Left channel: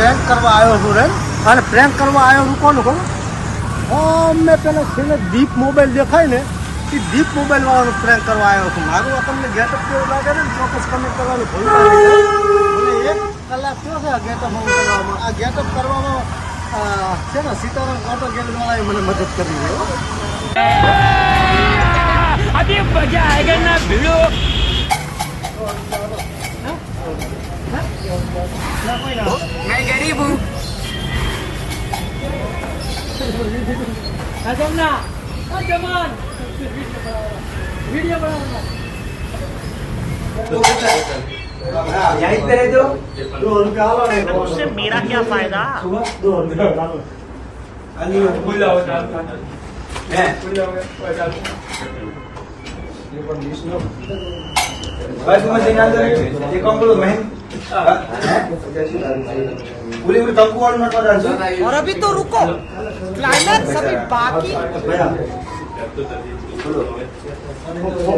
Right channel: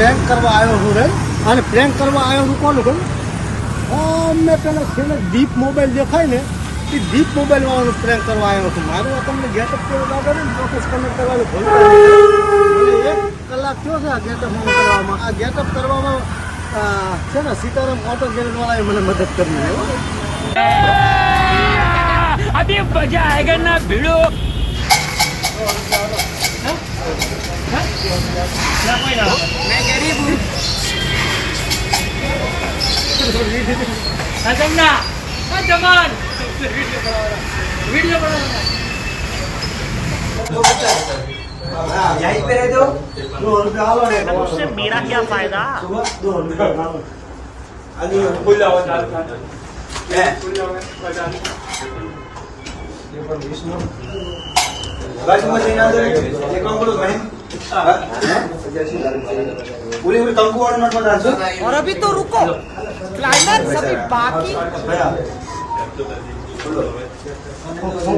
Prank કરવા આવ્યો છું રે. અને પ્રેન્ક કરવા આવ્યો છું કોનું કહું અમને પેલા છેલ્લે દીપ મોબાઈલ દેખાય ને એ દીપ મોબાઈલ વાળાનું પ્રેન્ક કરવા આવ્યો છું. મારું તમને ગેટઅપ કેવું લાગે ને? ચોક્કસ તમે કરવાનું ભૂલ કરી એક કલાક થયો છે આ ગેટઅપ કરવામાં. આ ગેટઅપ કરવામાં છે ને સીતારામ ઓટો ગેરેજ વાળાએ મને મદદ કરી અભી મજા આયગા ના ભીડો. ના गरीब हूँ जमना जमान वीडियो बनाना यहीं पे है तो દો રૂપિયા આલો ને उससे मेरा क्या फायदा દો રૂપિયા આલો. अली ले बाजू में पूरी पूरी कल को नोट और अभी तो रुको। क्लाइमेट सभी बाकी।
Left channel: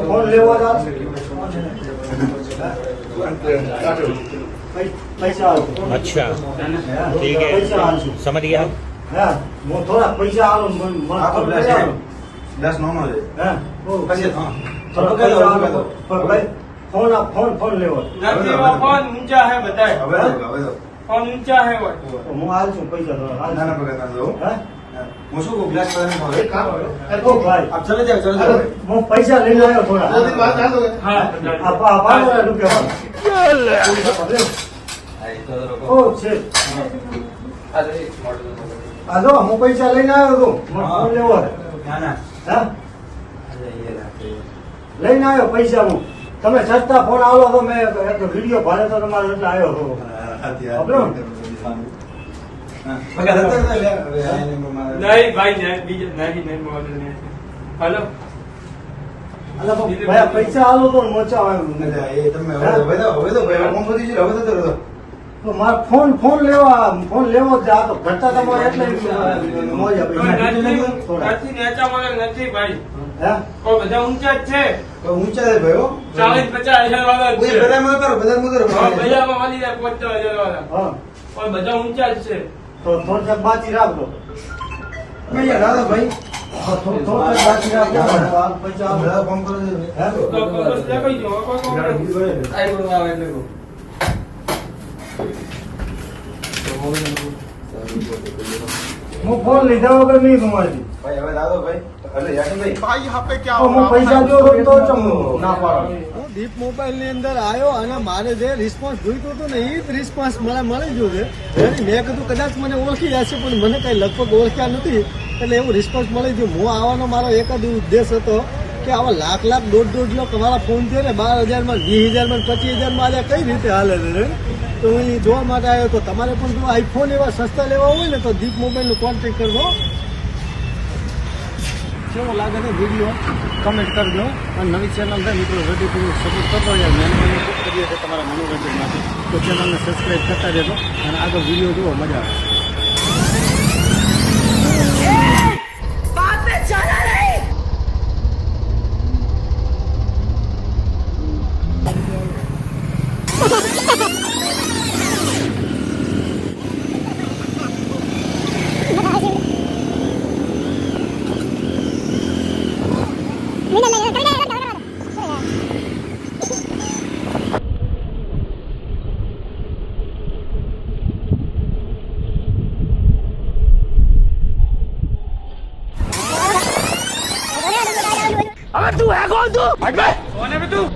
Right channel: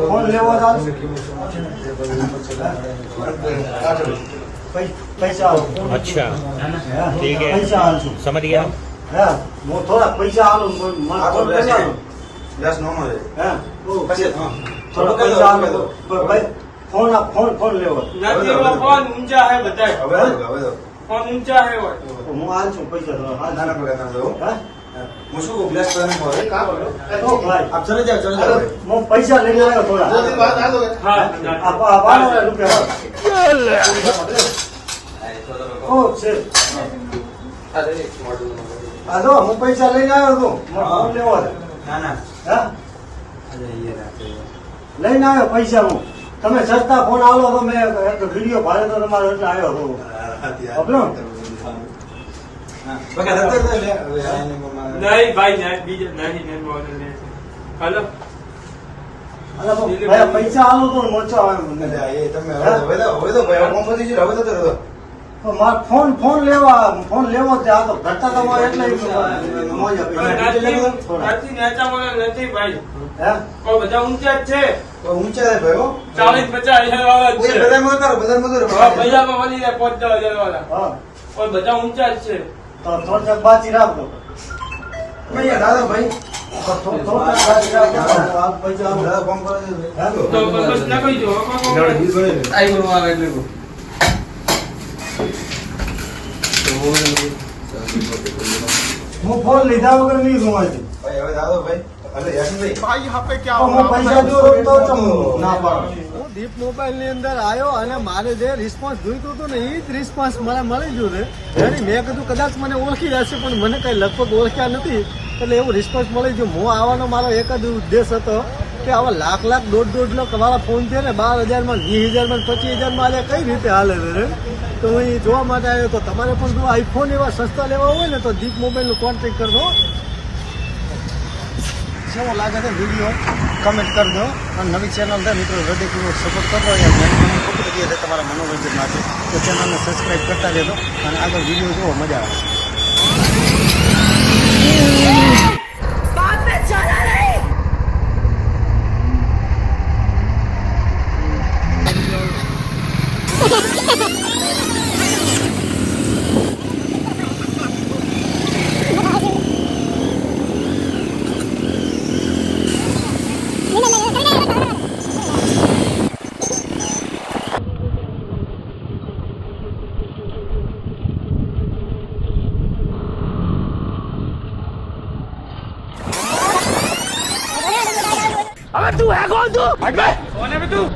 फ़ोन ले पैसा अच्छा ठीक है। समझ गया। वो थोड़ा पैसा दस नौ हो। हाँ। हाँ। जाए ફોન ફોન ફોન લેવો. ફોન ઊંચા હે બધા ફોન ઊંચા હે હું હાલ છું પૈસા તો હાલ ના ના પગાર ના હું? શું ગ્લાસ કરવાનું પૈસા લઈને આવ્યો થોડા આપવાનો રૂપિયા હું પૈસા લઈને આવ્યો હતો ફોન લેવો ના ના લઈને આવ્યો પૈસા હું. તમે સસ્તા ફોન આવો તો મેં વીડિયો ભાડે તો તમારો એટલે આવ્યો હતો. નહીં ભાઈ બીજે હલો. પૈસા આલો તો મોચા આવે હવે તો હવે તો હવે તો હવે તો મારે ફોન ફોન લેવા ફોન લેવો જ આ તો ઘટતા તમારે એટલે મોજા નથી ભાઈ. હે? કોઈ બધા ઊંચા જ છે. ઊંચા ઊંચે ભાઈ હો. ચાલીસ પચાસ હજાર વાળા છે. ઉતારો બધામાં હા, ઉતારો ભૈયામાં મળી જાય પચાસ હજાર વાળા. હા. કોઈ બધા ઊંચા જ છે. તો ફોન બાકી રાખો. ભૈયા દો ભાઈ. ફોન કરો હે? ફોન લીધા વગર નહીં ગુમાજી ભાઈ હવે દાદો ભાઈ ભલે યાદ નહીં તો હું પૈસા જો તો ના પાડું. હું દીપ મોબાઈલની અંદર આવ્યો અને મારે જે રિસ્પોન્સ જોઈતું હતું ને એ જ રિસ્પોન્સ મને મળી ગયું છે. મેં કીધું કદાચ મને ઓળખી જશે પણ મને કઈ લગભગ ઓળખ્યા નથી. એટલે એવું રિસ્પોન્સ મળી ગયું હું આવવાનો મારો એક જ ઉદ્દેશ હતો કે આવા લાખ લાખ દોઢ દોઢ લાખ મારા ફોન છે ને બાર હજારમાં વીસ હજારમાં પચીસ હજારમાં આલ્યા કઈ રીતે હાલે છે રે? તો હું એ જોવા માટે આવ્યો તો તમારે પણ જો આઈફોન એવા સસ્તા લેવા હોય ને તો દીપ મોબાઈલનો કોન્ટેક્ટ કરજો કેવો લાગે છે વીડિયો કમેન્ટ કરજો. અને નવી ચેનલ છે, મિત્રો, હૃદયપૂર્વક સપોર્ટ કરતો યાર જેને તમે ખૂબ કરીએ છે તમારા મનોરંજન માટે. તો ચેનલને સબસ્ક્રાઈબ કરતા રહેજો. અને આગળ વીડિયો જોવો મજા આવે. अबे तू है कौन तू हट बे कौन है बे तू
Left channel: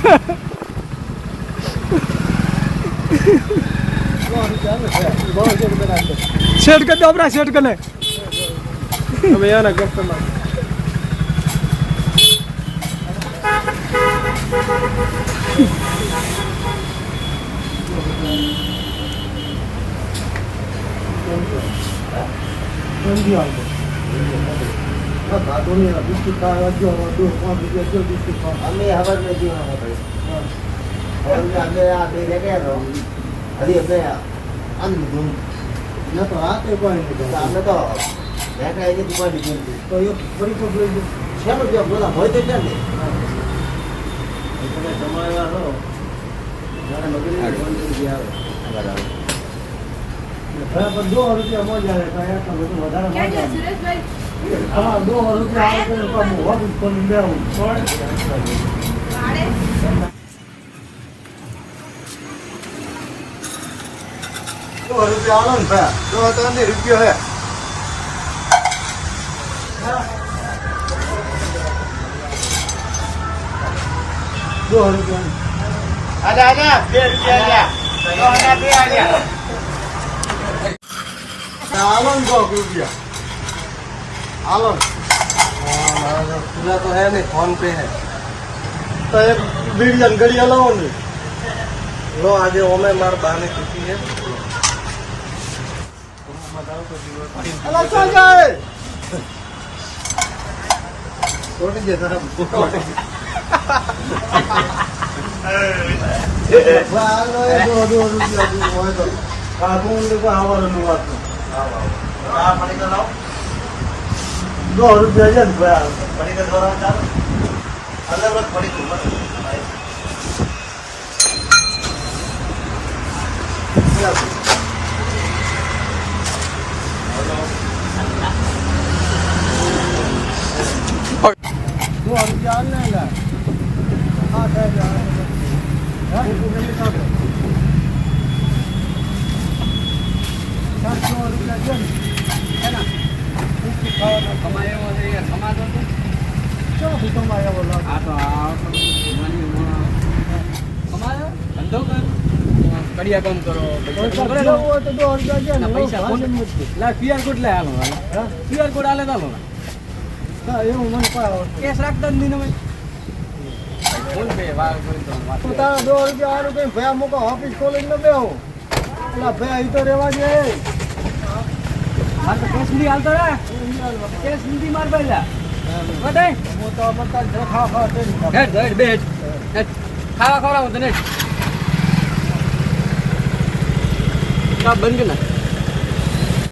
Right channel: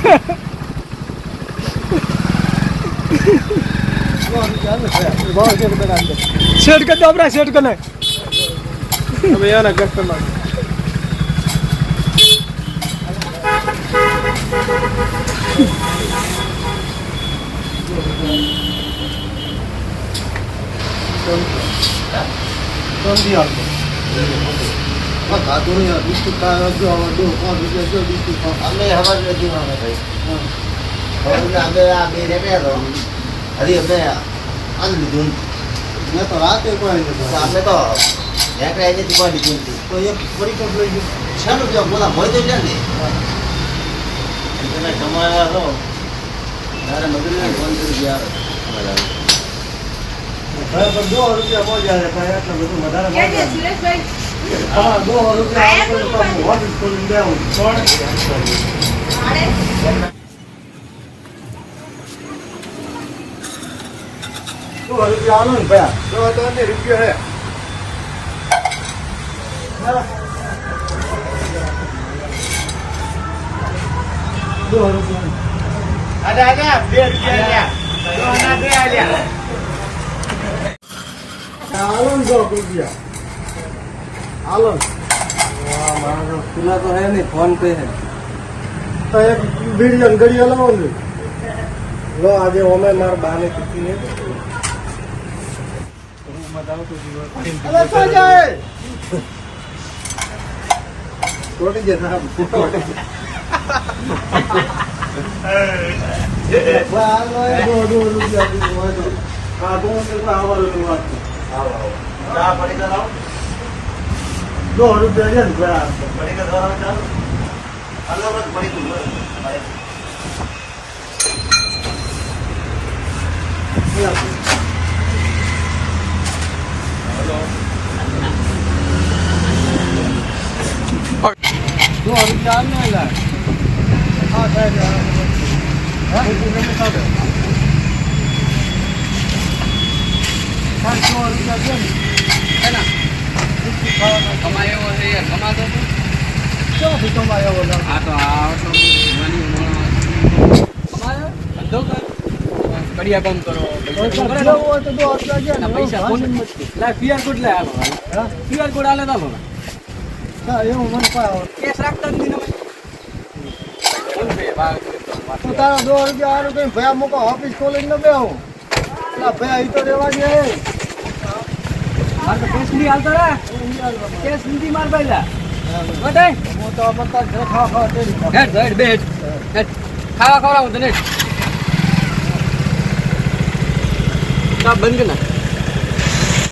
Ha ha ha! શેર કરી હવે એના કસ્ટમર હા ખાતો નહીં આ બિસ્કુટ ખાવા જો હવે દો પાંચ રૂપિયા જો બિસ્કુટ ખાવા અમે ખબર નથી અમે ભાઈ હવે અમે આ બે ને બે તો હજી અમે આજ લીધું મેં તો રાતે કોઈ નથી તો ખાધું. અમે તો નેકળાઈ નથી કોઈ લીધું નથી તો એક ફરી પણ લઈ ગયો. છે ને જો બોલા હોય તો ચાલે એને જમાયા તો ત્યારે મજૂરી બંધ કરી ભાઈ દો રૂપિયા બોલ્યા છે ભાઈ બધું વધારે. હા દો રૂપિયા તો હું દો રૂપિયા આલો ને ભાઈ દો તો રૂપિયો હે. દો રૂપિયા. આજા આજા બે રૂપિયા આલ્યા બે આલ્યા આલો ને દો રૂપિયા. આલો પેલા તો હે નહીં ફોન પે હે. તો એક બીડિયન ગડિયા લાવો ને. લો આજે ઓમે માર બાને ચૂકી હે. અલા શું જાય તોડી ગયા સાહેબ તોડી દો રૂપિયા છે પડી કમાયો છે યાર કમાતો તો ક્યાંથી કમાય એવો લાગે આ તો આ આટલો માની હમણાં કમાયો ધંધો કર કડિયા કામ કરો પૈસા લે ક્યુઆર કોડ લે હાલો હા? ક્યુઆર કોડ આલે તો હાલો. હા એવું મને કેસ રાખતા જ નહીં ભાઈ. તું તારા દો રૂપિયા હારું કઈ ભયા મૂકો ઓફિસ ખોલીને ન બેહું. પેલા ભયા ઈ તો રેવા દે. મારે તો કેસ નહીં હાલતો રે. કેસ નથી માર ભાઈ લે. હું તો બધા જ ખાવા ખાવા તેડી ખાવા. હેડ હેડ બે હેડ હેડ. ખાવા ખવડાવું તને બંધ નાખ